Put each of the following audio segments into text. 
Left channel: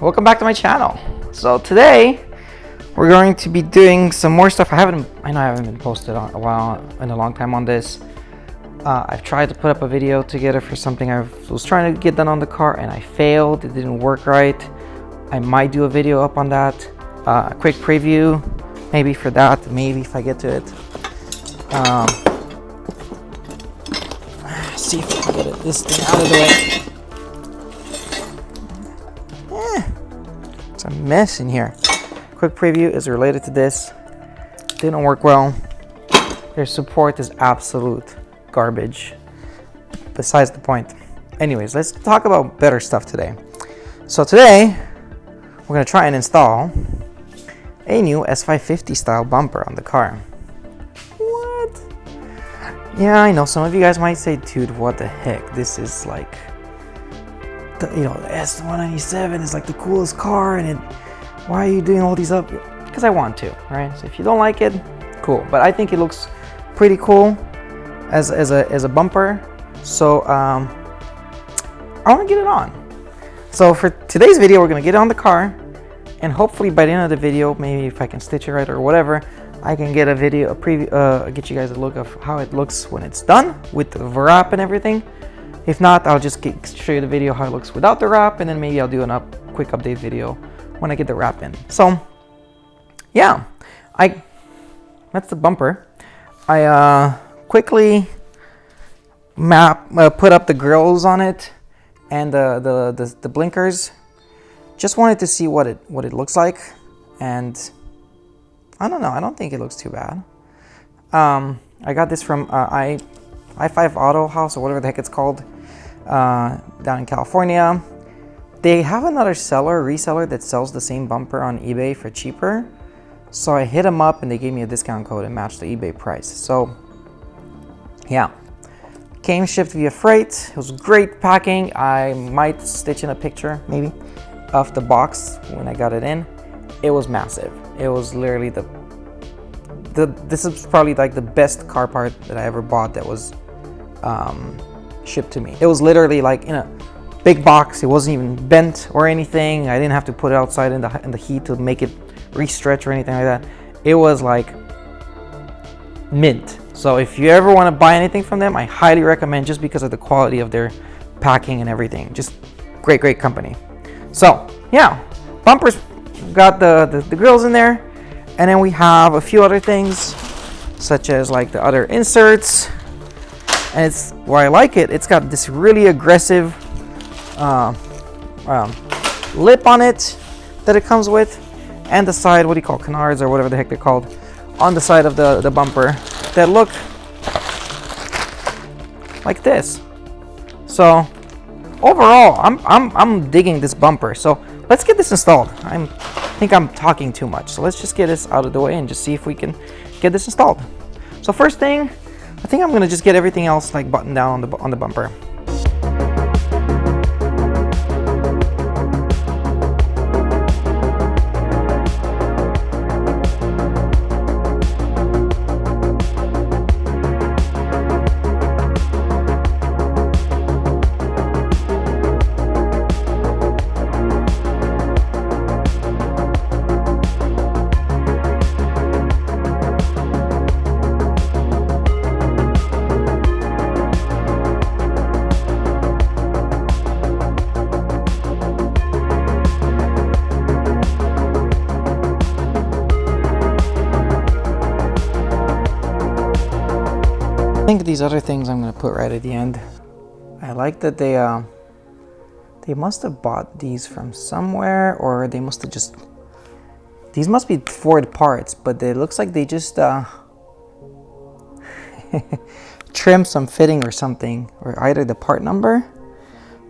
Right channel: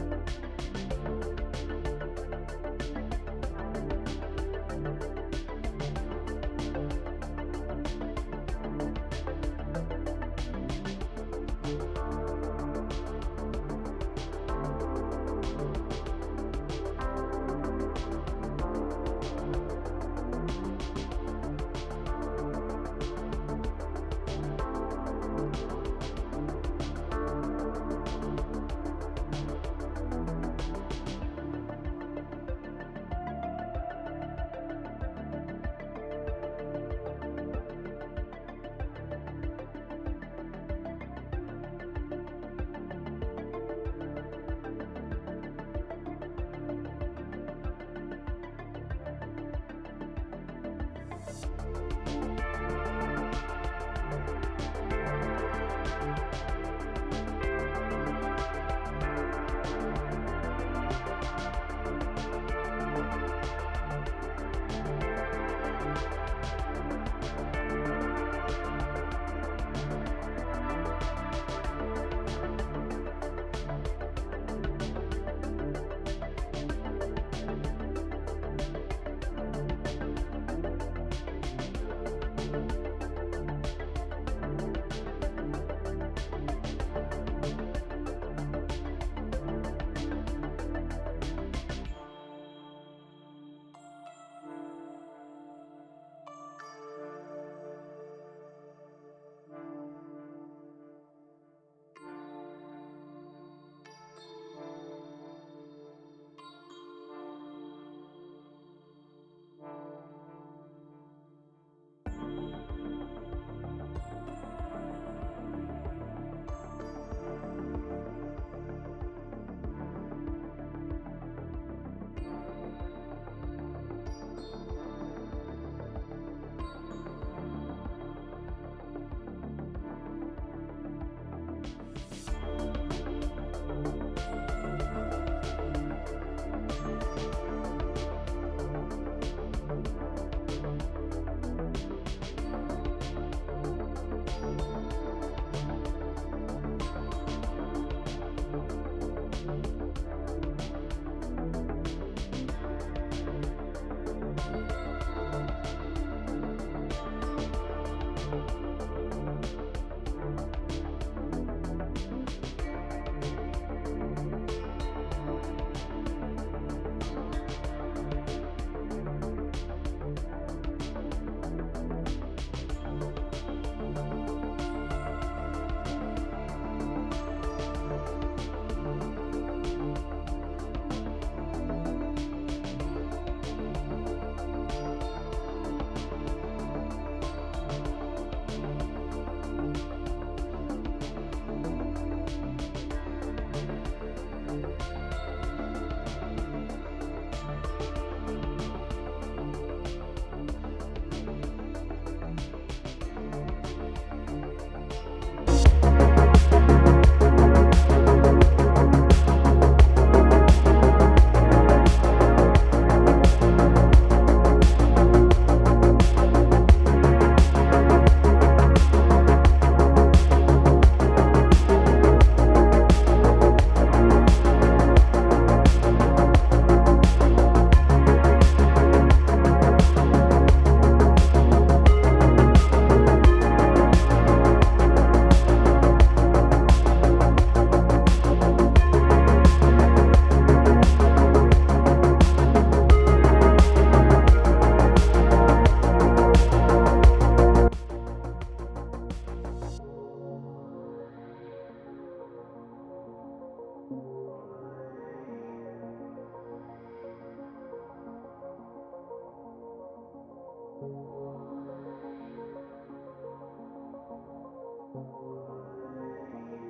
Welcome back to my channel. So today we're going to be doing some more stuff. I know I haven't been posted on in a long time on this. I've tried to put up a video together for something I was trying to get done on the car and I failed. It didn't work right. I might do a video up on that. A quick preview maybe for that, maybe if I get to it. See if I can get this thing out of the way. It's a mess in here. Quick preview is related to this. Didn't work well. Their support is absolute garbage. Besides the point. Anyways, let's talk about better stuff today. So today we're gonna try and install a new S550 style bumper on the car. What? Yeah, I know some of you guys might say, dude, what the heck? This is like, S197 is like the coolest car, and why are you doing all these up? Because I want to, right? So if you don't like it, cool. But I think it looks pretty cool as a bumper. So I want to get it on. So for today's video, we're gonna get it on the car, and hopefully by the end of the video, maybe if I can stitch it right or whatever, I can get a preview, get you guys a look of how it looks when it's done with the wrap and everything. If not, I'll just show you the video how it looks without the wrap, and then maybe I'll do a quick update video when I get the wrap in. So yeah, that's the bumper. I quickly put up the grills on it and the blinkers. Just wanted to see what it looks like, and I don't know, I don't think it looks too bad. I got this from I-5 Autohaus or whatever the heck it's called, down in California. They have another reseller that sells the same bumper on eBay for cheaper. So I hit them up and they gave me a discount code and matched the eBay price. So yeah, came shipped via freight. It was great packing. I might stitch in a picture maybe of the box when I got it in. It was massive. It was literally this is probably like the best car part that I ever bought that was shipped to me. It was literally like in a big box. It wasn't even bent or anything. I didn't have to put it outside in the heat to make it re-stretch or anything like that. It was like mint. So if you ever want to buy anything from them, I highly recommend, just because of the quality of their packing and everything. Just great company. So yeah, bumpers, got the grills in there, and then we have a few other things such as like the other inserts. And it's why I like it. It's got this really aggressive lip on it that it comes with, and the side, what do you call, canards or whatever the heck they're called, on the side of the bumper that look like this. So overall, I'm digging this bumper. So let's get this installed. I think I'm talking too much. So let's just get this out of the way and just see if we can get this installed. So first thing, I think I'm gonna just get everything else like buttoned down on the bumper. These other things I'm going to put right at the end. I like that they must have bought these from somewhere, or they must have just, these must be Ford parts, but it looks like they just trimmed some fitting or something, or either the part number,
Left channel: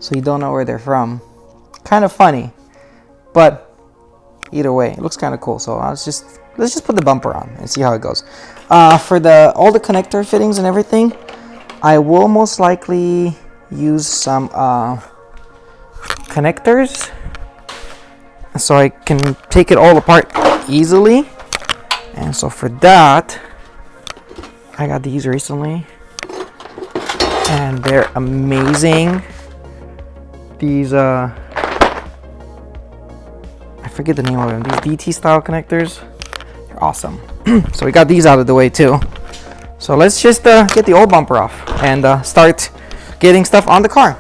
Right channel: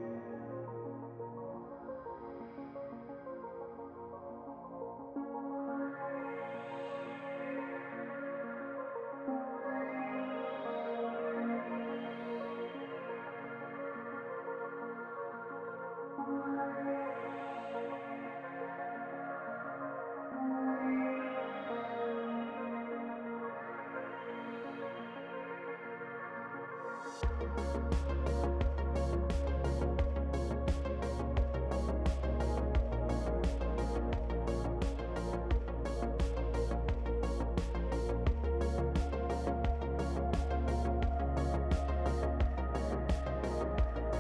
so you don't know where they're from. Kind of funny, but either way, it looks kind of cool. So let's just put the bumper on and see how it goes. For all the connector fittings and everything, I will most likely use some connectors so I can take it all apart easily. And so for that, I got these recently and they're amazing. These I forget the name of them. These DT style connectors, they're awesome. So we got these out of the way too. So let's just get the old bumper off and start getting stuff on the car.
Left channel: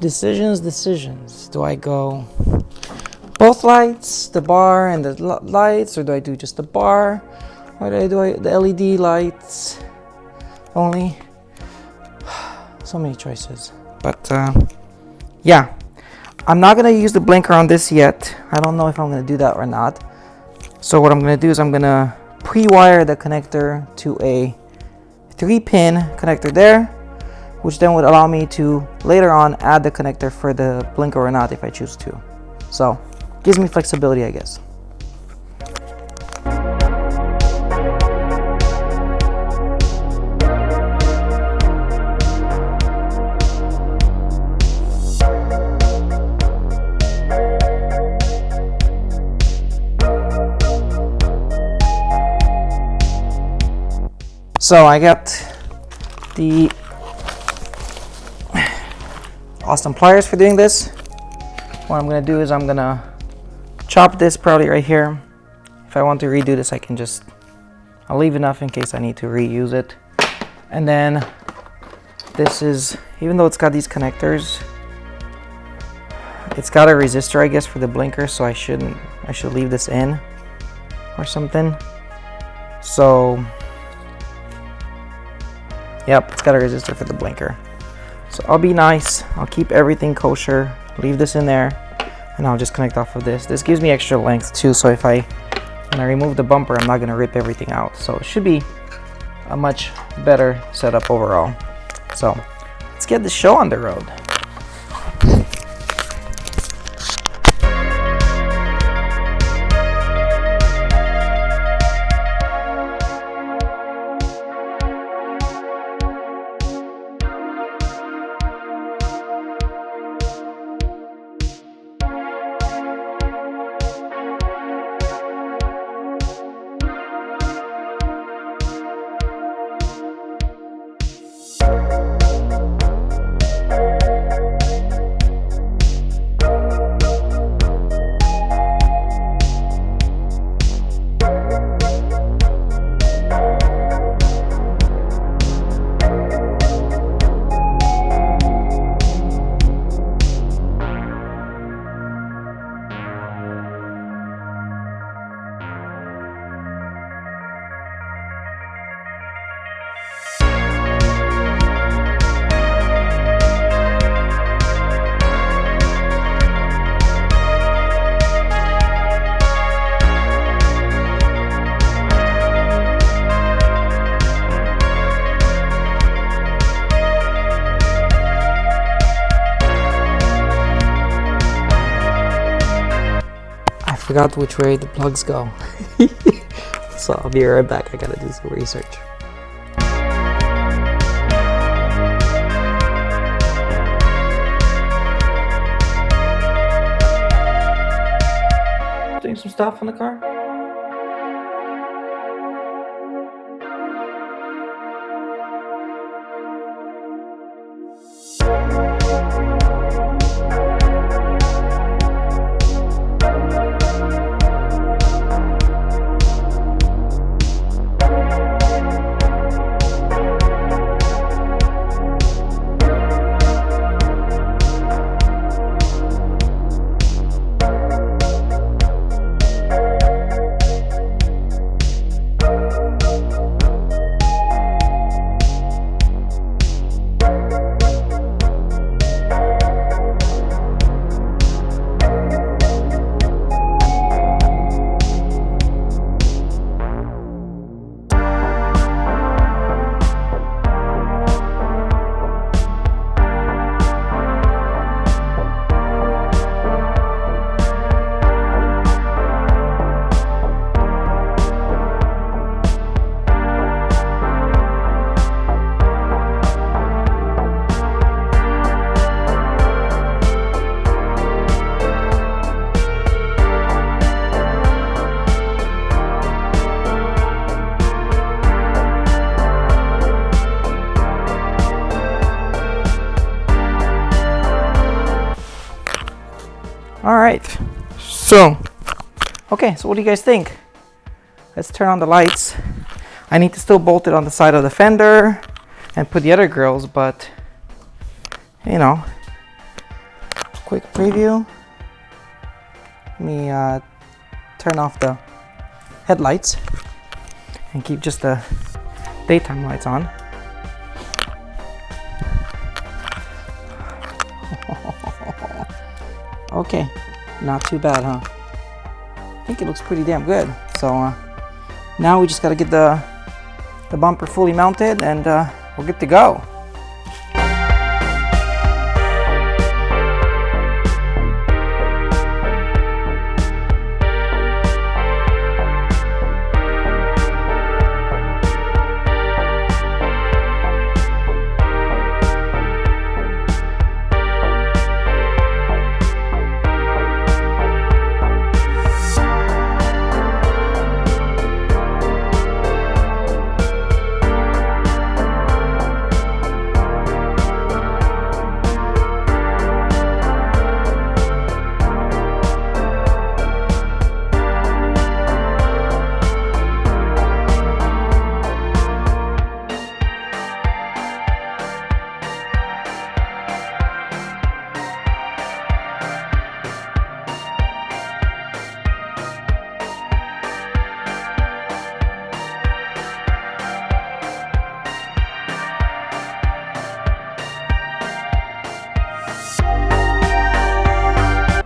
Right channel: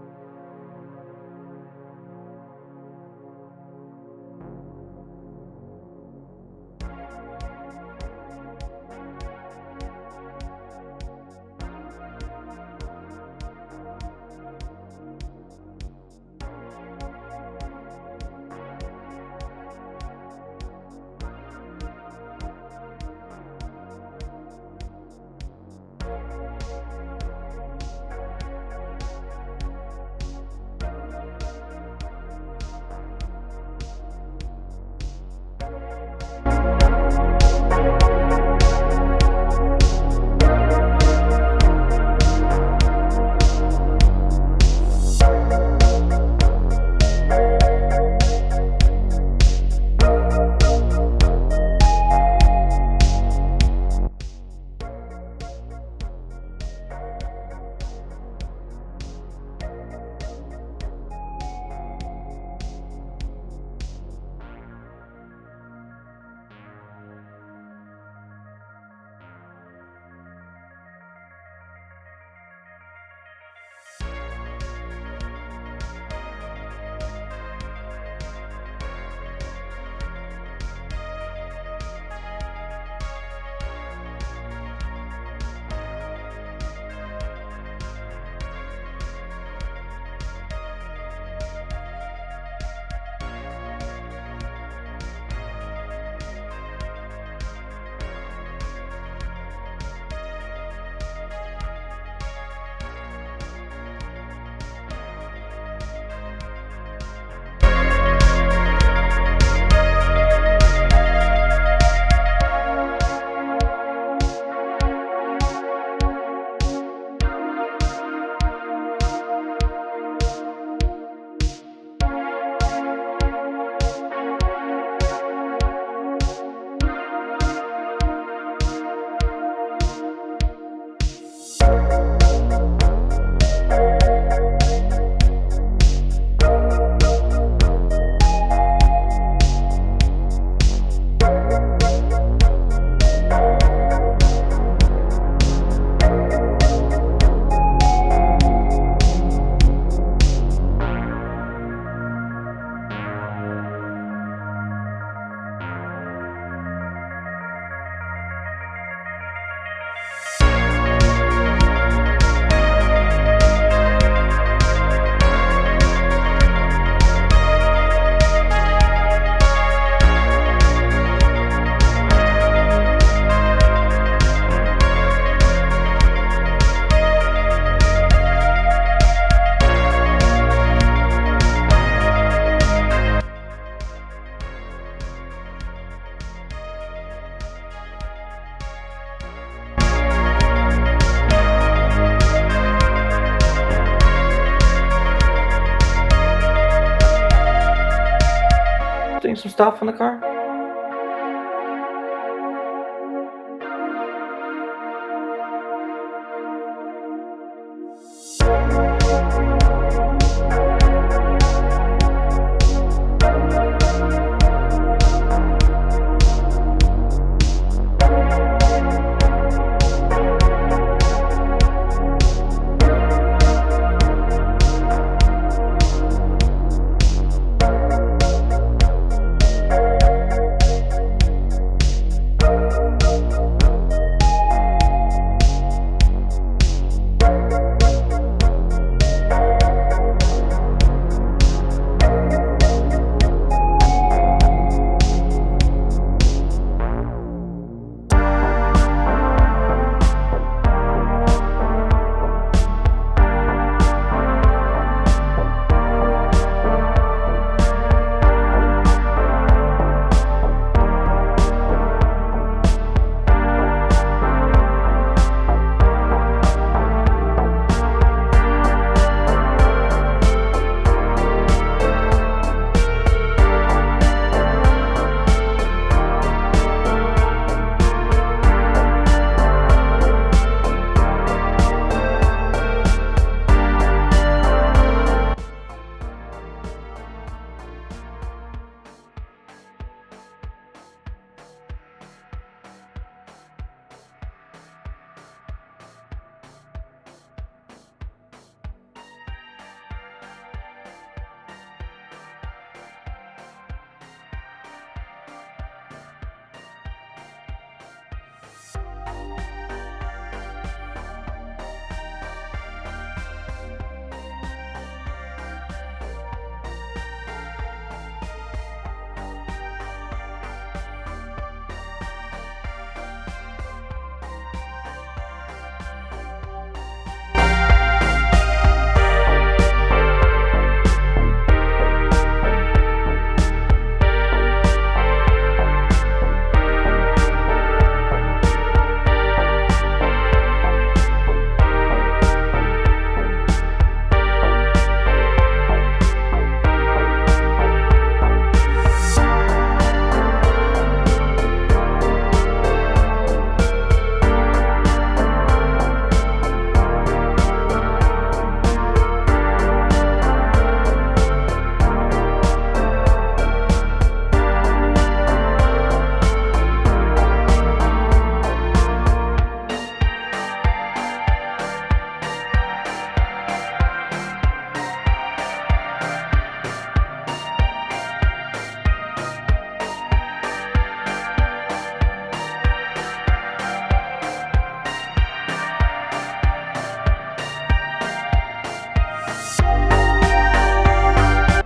Decisions. Do I go both lights, the bar and the lights, or do I do just the bar? Or do I do the LED lights only? So many choices. But yeah, I'm not gonna use the blinker on this yet. I don't know if I'm gonna do that or not. So what I'm gonna do is I'm gonna pre-wire the connector to a 3-pin connector there, which then would allow me to later on add the connector for the blinker or not if I choose to. So gives me flexibility, I guess. So I got the awesome pliers for doing this. What I'm gonna do is I'm gonna chop this probably right here. If I want to redo this, I'll leave enough in case I need to reuse it. And then this is, even though it's got these connectors, it's got a resistor, I guess, for the blinker, so I should leave this in or something. So yep, it's got a resistor for the blinker. So I'll be nice, I'll keep everything kosher, leave this in there, and I'll just connect off of this. This gives me extra length too, so when I remove the bumper, I'm not gonna rip everything out. So it should be a much better setup overall. So let's get the show on the road. Forgot which way the plugs go. So I'll be right back. I gotta do some research. Doing some stuff on the car. right, so okay, so what do you guys think? Let's turn on the lights. I need to still bolt it on the side of the fender and put the other grills, but you know, quick preview. Let me turn off the headlights and keep just the daytime lights on. Okay, not too bad, huh? I think it looks pretty damn good. So now we just gotta get the bumper fully mounted and we're good to go.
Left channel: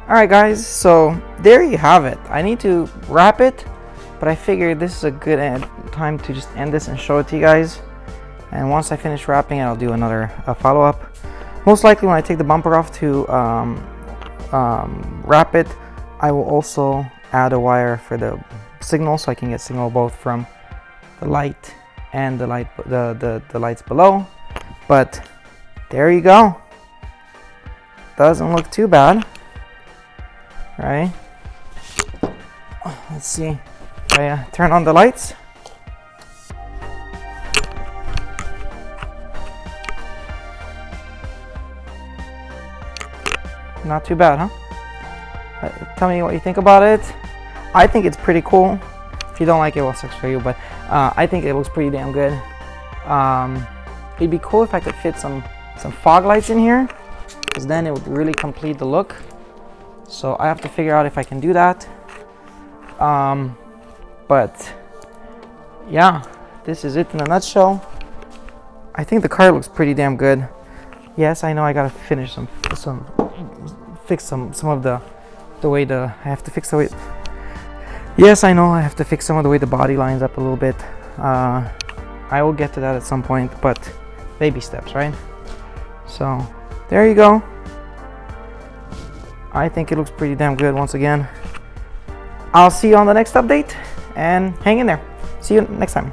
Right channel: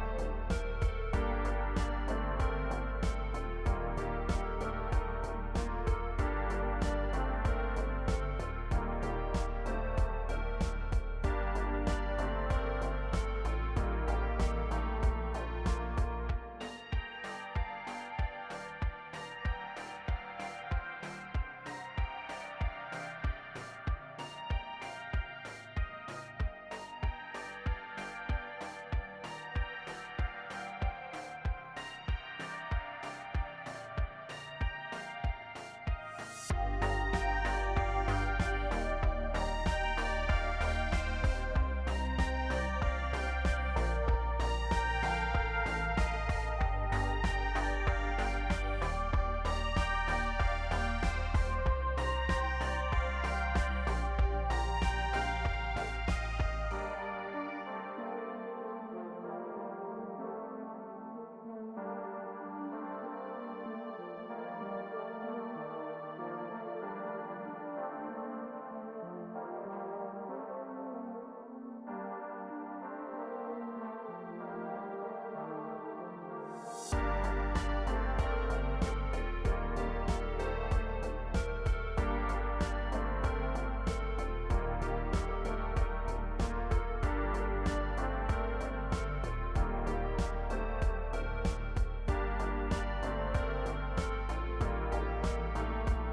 Alright guys, so there you have it. I need to wrap it, but I figured this is a good time to just end this and show it to you guys. And once I finish wrapping it, I'll do another follow-up. Most likely when I take the bumper off to wrap it, I will also add a wire for the signal so I can get signal both from the light and the lights below. But there you go. Doesn't look too bad. Right? Let's see. I turn on the lights. Not too bad, huh? Tell me what you think about it. I think it's pretty cool. If you don't like it, well, sucks for you. But I think it looks pretty damn good. It'd be cool if I could fit some fog lights in here, because then it would really complete the look. So I have to figure out if I can do that. But yeah, this is it in a nutshell. I think the car looks pretty damn good. Yes, I know I gotta finish fix some of the way I have to fix the way. Yes, I know I have to fix some of the way the body lines up a little bit. I will get to that at some point, but baby steps, right? So there you go. I think it looks pretty damn good once again. I'll see you on the next update and hang in there. See you next time.